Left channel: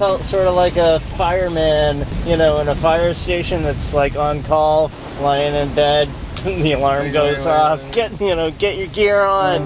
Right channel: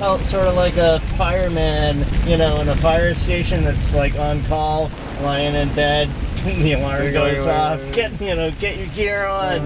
felt sort of like a fireman, you know, in a fire station that's like on call, lying in bed, the alarm goes off. Get your gear on.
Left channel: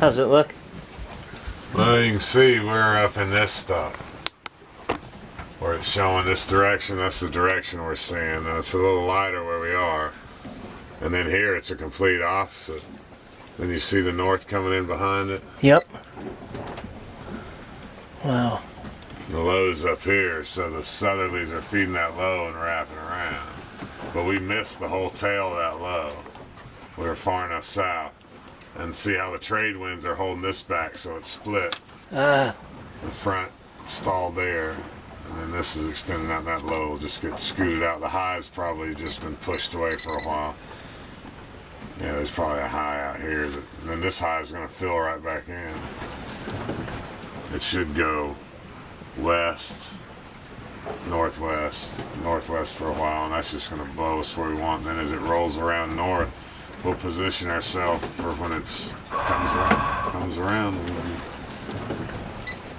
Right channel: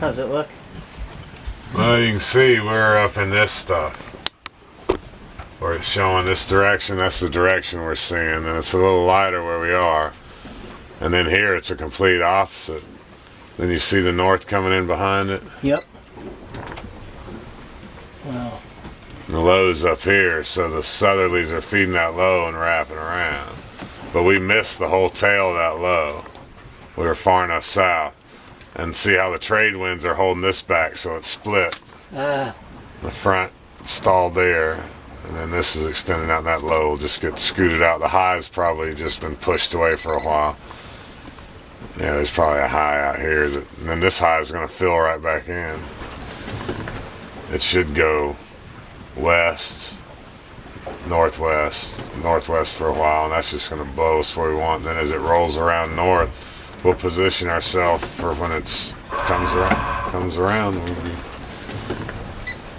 How's it look? Well, you can see we're up in this stuff. Where it's showing this direction, that's the direction we're seeing. And it's a little lighter where we are. And then here it's a complete opposite. Then you see the north coming in behind it. Yep. Wow. And the low's up here, so the southerlies are feeding that low and wrapping around. But we missed the whole tail of that low. We were far enough south. And see how the trade winds are holding this back, so it's split. The front stalled there, and then this is extending out, and that low will just get scooted out. The high's probably just been pushed away for a while. Yeah, there's probably a high out here, and then this high is going to fill right back in. It should go west, northwest for a while, and that's just going to blow us where we want. Then as it rolls around north, we'll position ourselves for when it comes around.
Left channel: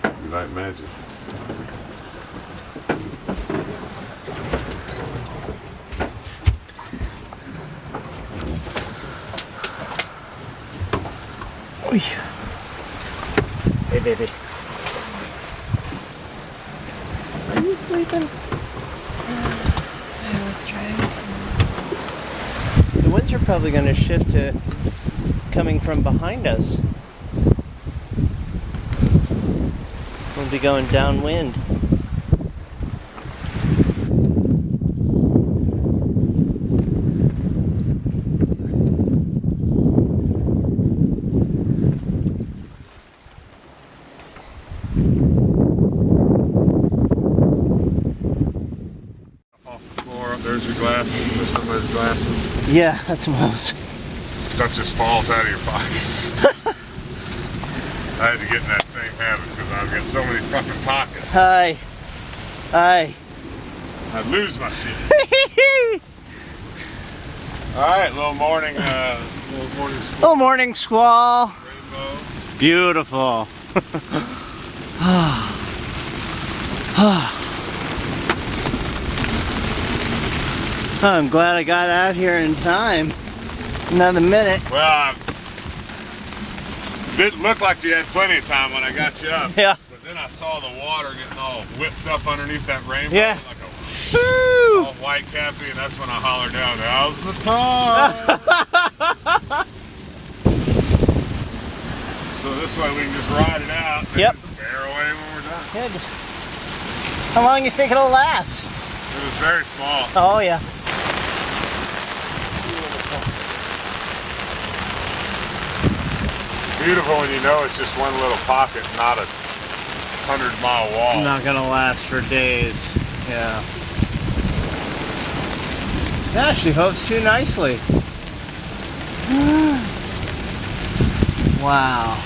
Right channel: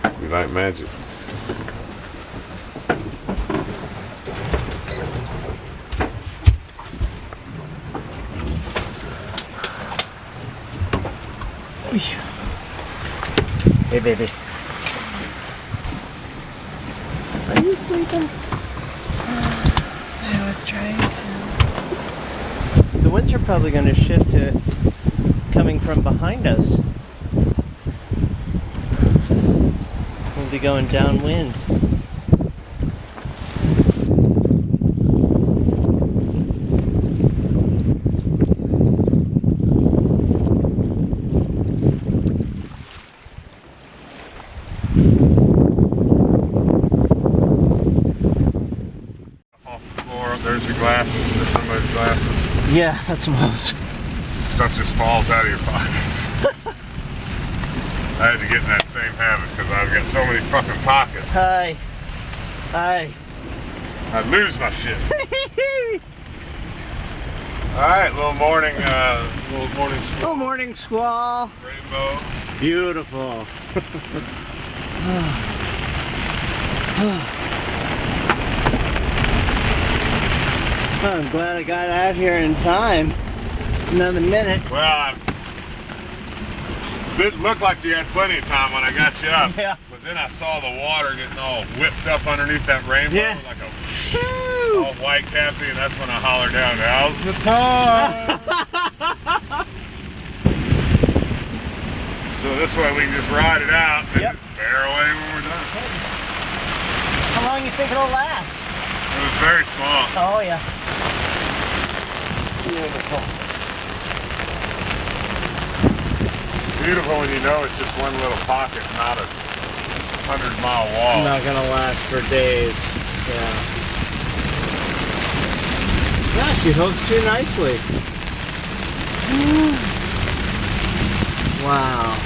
We'll be like magic. Hey, baby. Are you sleeping? I was trying to. The winds are probably going to shift to coming from behind us. We'll be going downwind. Off the floor, there's your glasses, there's somebody's glasses. Yeah, that's most. Stuff just falls out of your pockets. I had to get in that same habit because I've got so many fucking pockets. Hi. I'd lose my shit. Alright, little morning squall. Oh, morning squall. Rainbow. Beautiful. I'm glad I got out here in time. Another minute. Well, it looked like you had plenty of time when I got you up. Yeah. But then I saw the water getting all whipped up underneath that rainbow. Yeah. Like a all white cappy, and that's when I hollered down, "Now's the time!" So this way we can just ride it out and Yep. just bear away when we're done. How long you think it'll last? It was very small. Oh, yeah. Beautiful. It's beautiful when you know it's just one little pocket, not a 100-mile wall. Not gonna last for days. Yeah. Gosh, she hoves too nicely. Wow.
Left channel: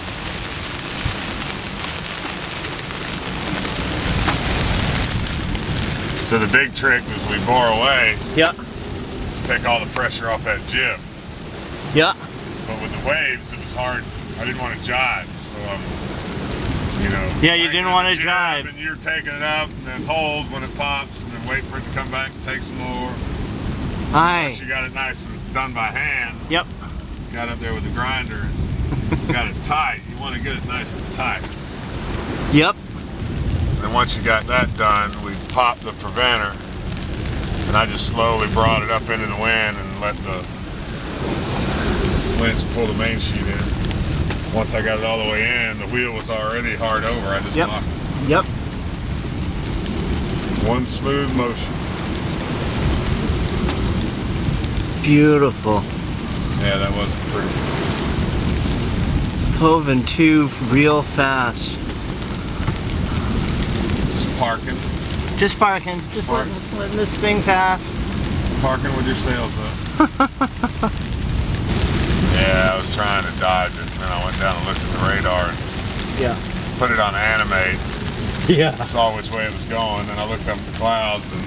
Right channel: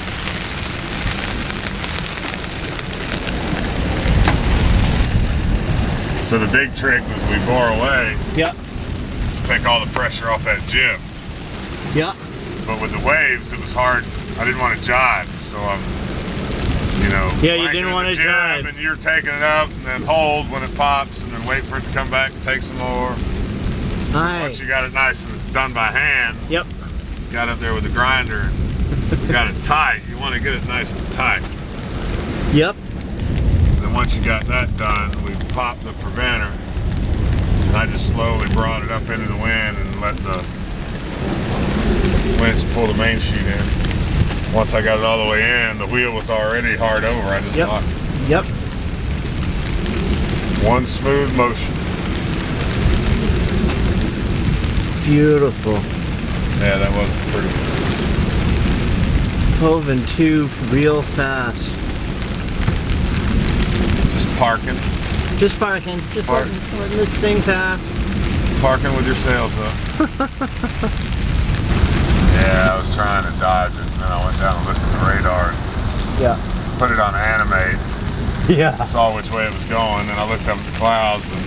So the big trick was we bore away Yep. to take all the pressure off that jib. Yep. But with the waves, it was hard. I didn't want to jibe, so I'm, Yeah, you cranking didn't in want the to jib, jibe. and you're taking it up, and then hold when it pops, and then wait for it to come back and take some more. Aye. Once you got it nice and done by hand, Yep. got up there with the grinder and got it tight. You want to get it nice and tight. Yep. Then once you got that done, we popped the preventer, and I just slowly brought it up into the wind and let the winds pull the main sheet in. Once I got it all the way in, the wheel was already hard over. I just Yep. locked it. Yep. One smooth motion. Beautiful. Yeah, that was pretty. Hove and two real fast. Just parking. Just parking. Just letting this thing pass. Parking with your sails up. Yeah, I was trying to dodge it, and then I went down and looked at the radar and Yeah. put it on animate. Yeah. Saw which way it was going, then I looked up at the clouds and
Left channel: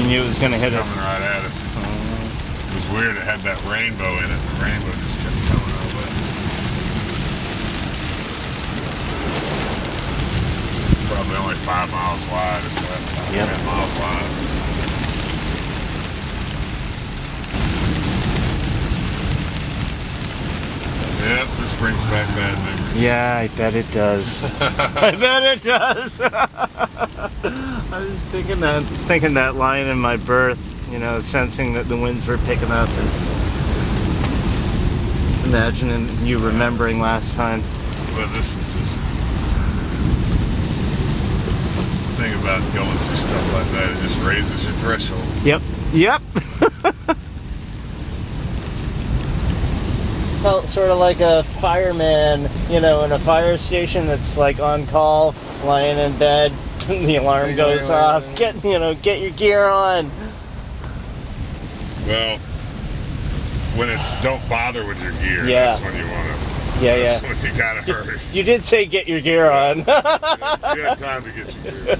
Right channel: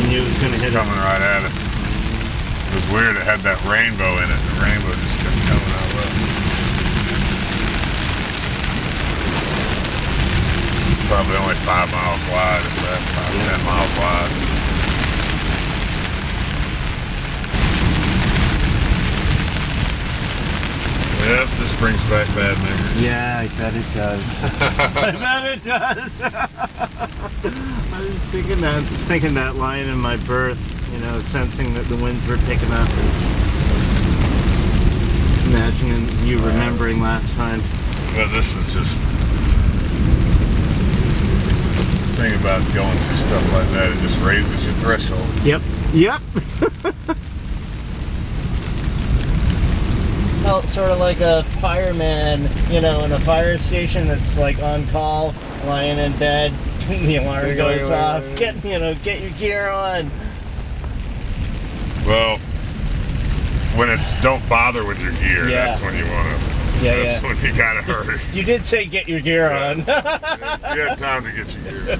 You knew it was going to hit us. coming right at us. It was weird, it had that rainbow in it. The rainbow just kept coming out well. It's probably only 5 miles wide, if that, 10 miles wide. Yep, this brings back bad memories. Yeah, I bet it does. I bet it does. I was thinking that lying in my berth, you know, sensing that the winds were picking up, and imagining you remembering last time. But this is just the thing about going through stuff like that, it just raises your threshold. Yep. Yep. Felt sort of like a fireman, you know, in a fire station that's like on call, lying in bed, the alarm goes off. Get your gear on. Well, when it's don't bother with your gear, that's when you want to. Yeah, that's when you gotta hurry. You did say get your gear on. You had time to get your gear.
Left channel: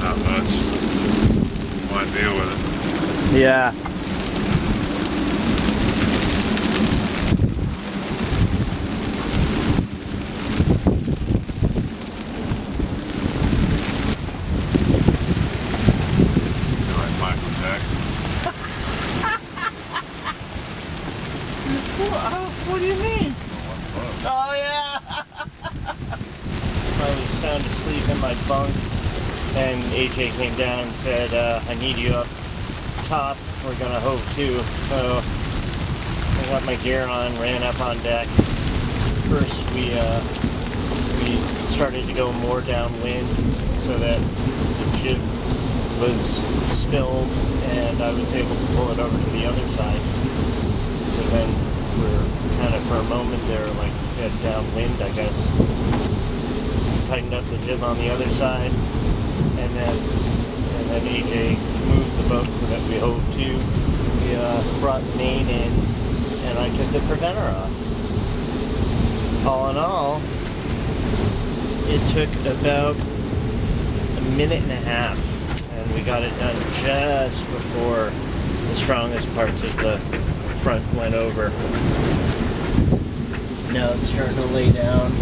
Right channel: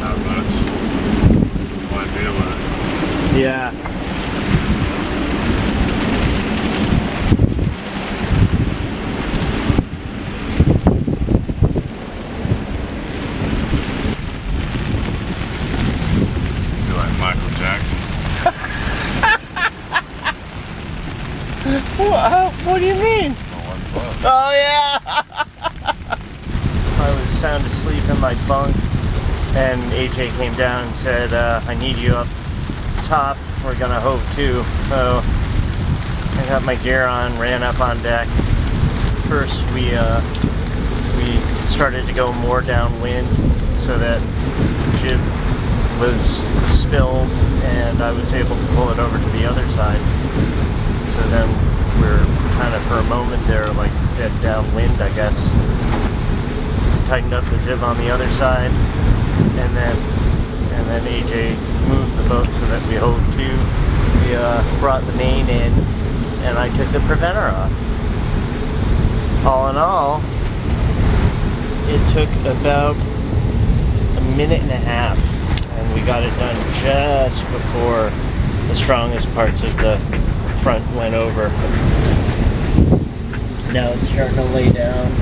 Not much. Might deal with it. Yeah. Feel like Michael Jackson. What do you mean? Oh yeah. I was sound asleep in my bunk, and AJ came down and said, I need you up top. We're gonna hove too. So I got my gear on, ran up on deck. First we started to go more downwind so that the jib was spilled and I was able to pull it over to the other side. So then we're kind of for a moment there like dead downwind, I guess. Tightened up the jib on the other side, and then AJ moved the boat so that we hove to. We brought the main in, and I took the preventer off. All in all, it took about a minute and a half, and we got it done just before the strongest parts of the front went over. Now it's starting to lay down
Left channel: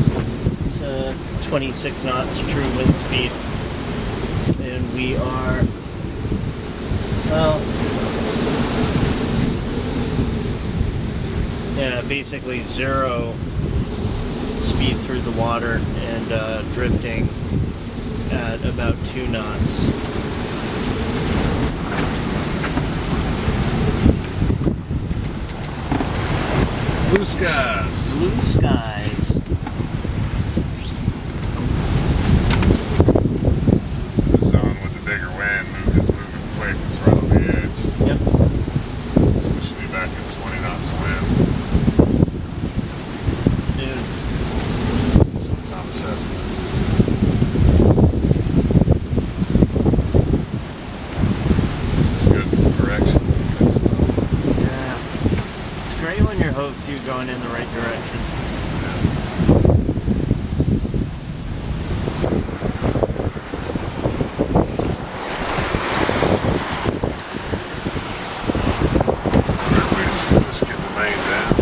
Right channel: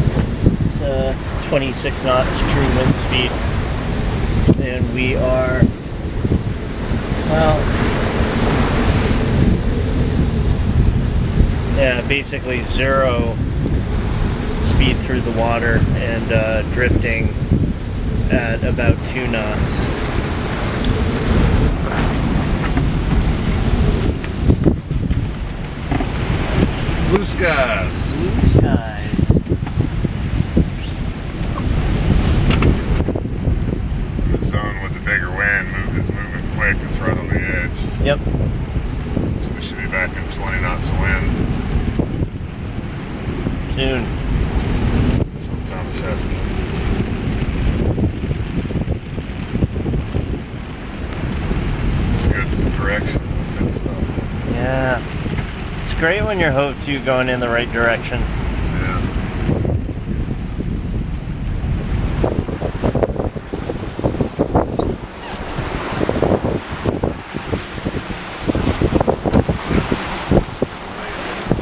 to 26 knots true wind speed, and we are, well, yeah, basically zero speed through the water and drifting at about 2 knots. Blue skies. Blue skies. The zone with the bigger wind is moving quick. It's right on the edge. Yep. So we should be back in 20 knots of wind Noon. sometime this afternoon. This is good direction. Good stuff. Yeah. It's great when you're hove to going in the right direction. Yeah. Just get the main down.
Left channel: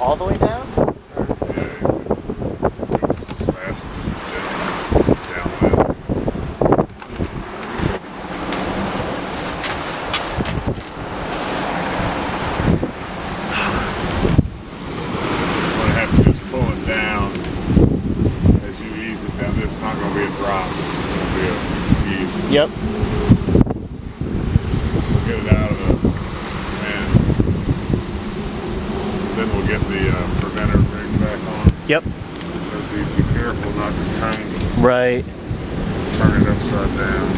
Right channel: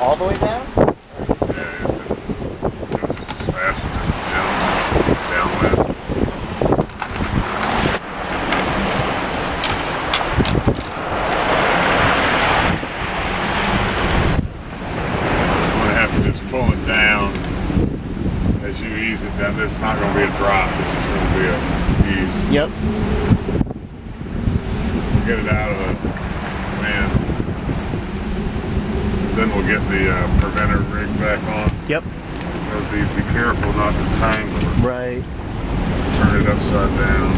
All the way down? Yeah, go just as fast with just the jump downwind. Yeah, this is not going to be a drop. This is going to be a ease. Yep. We'll get it out of the wind. Then we'll get the preventer rig back on. Yep. Be careful not to tangle it. Right. Turn it upside down.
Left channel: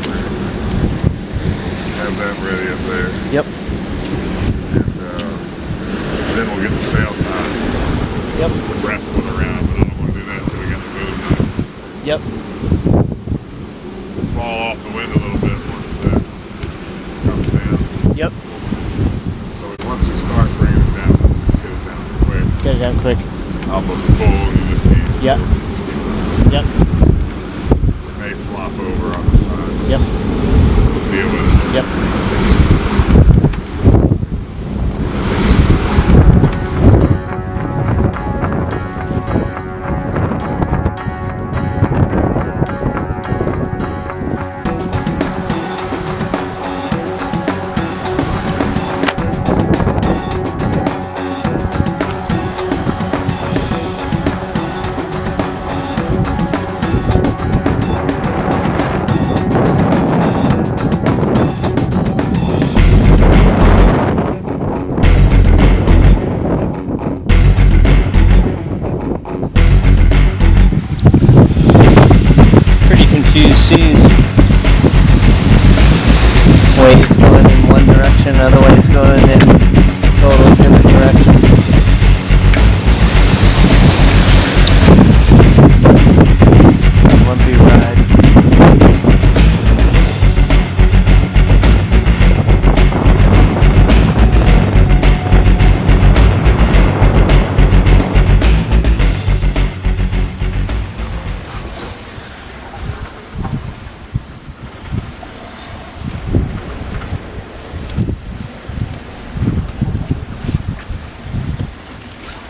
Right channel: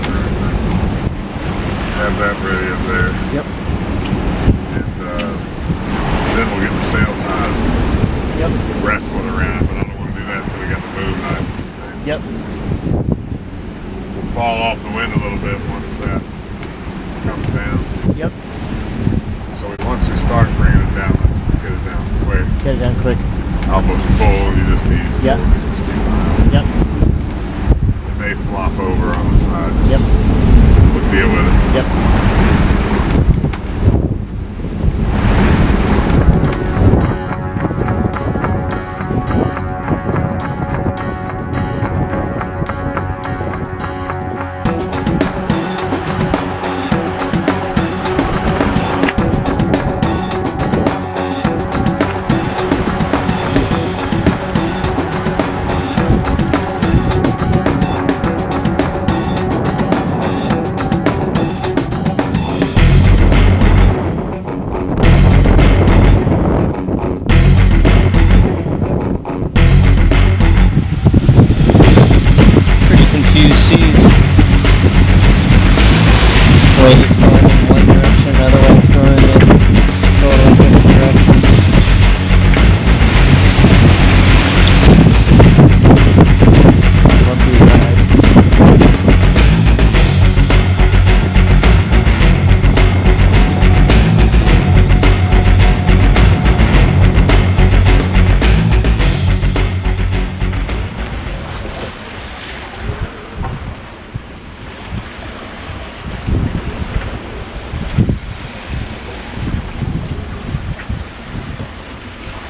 Have that ready up there. Yep. And then we'll get the sail ties. Yep. Wrestle it around, but I don't want to do that until we got the boom nice and steady. Yep. We'll fall off the wind a little bit once that comes down. Yep. So once we start bringing it down, let's get it down quick. Get it down quick. Almost full, you just ease. Yep. Just keep it Yep. It may flop over on the side. Yep. We'll deal with it. Yep. Confused seas. Waves going in one direction, other waves going in total different directions. Lumpy ride.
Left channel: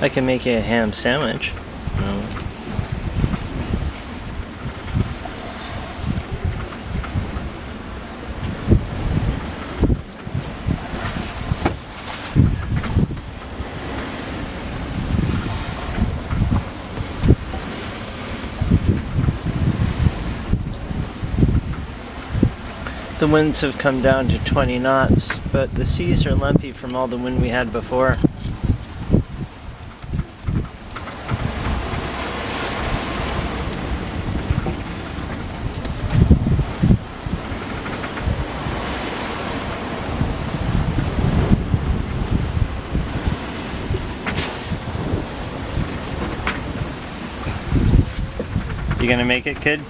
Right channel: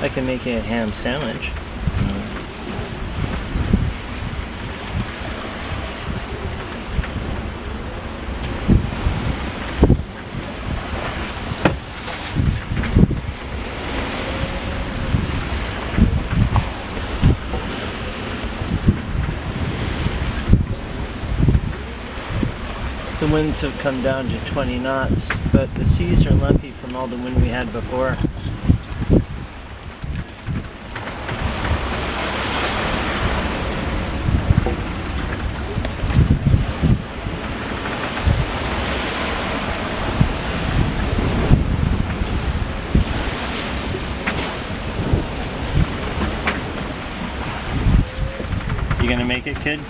I can make you a ham sandwich. The winds have come down to 20 knots, but the seas are lumpy from all the wind we had before. You gonna make it, kid?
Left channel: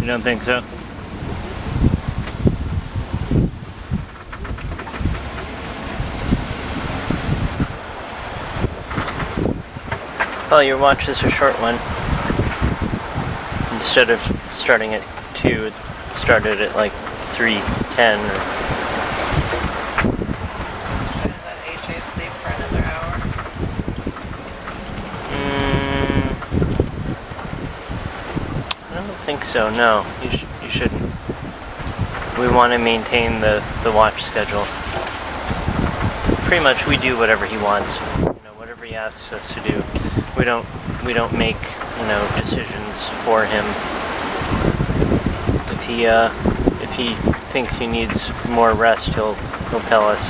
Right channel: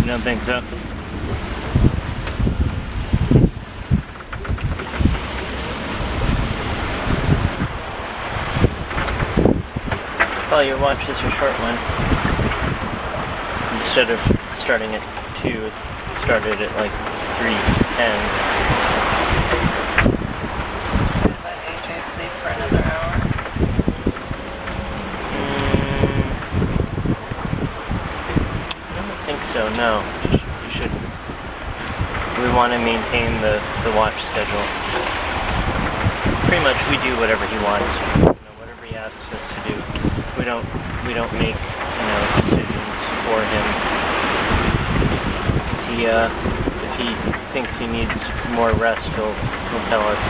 You don't think so? Well, your watch is a short one. Instead of starting at 2, it started at like 3:10. Should I let AJ sleep for another hour? I don't think so, no. You shouldn't. We want to maintain the watch schedule. Pretty much we do whatever he wants. Whatever he asks us to do. We don't make, decisions for him. If he thinks he needs more rest, he'll tell us.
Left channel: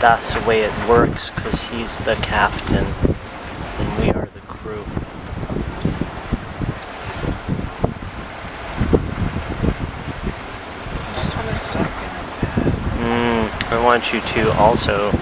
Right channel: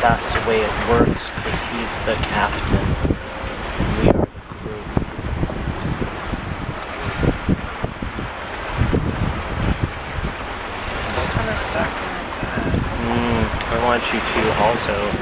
That's the way it works, because he's the captain and we are the crew. I just want to start feeling bad. I want you to also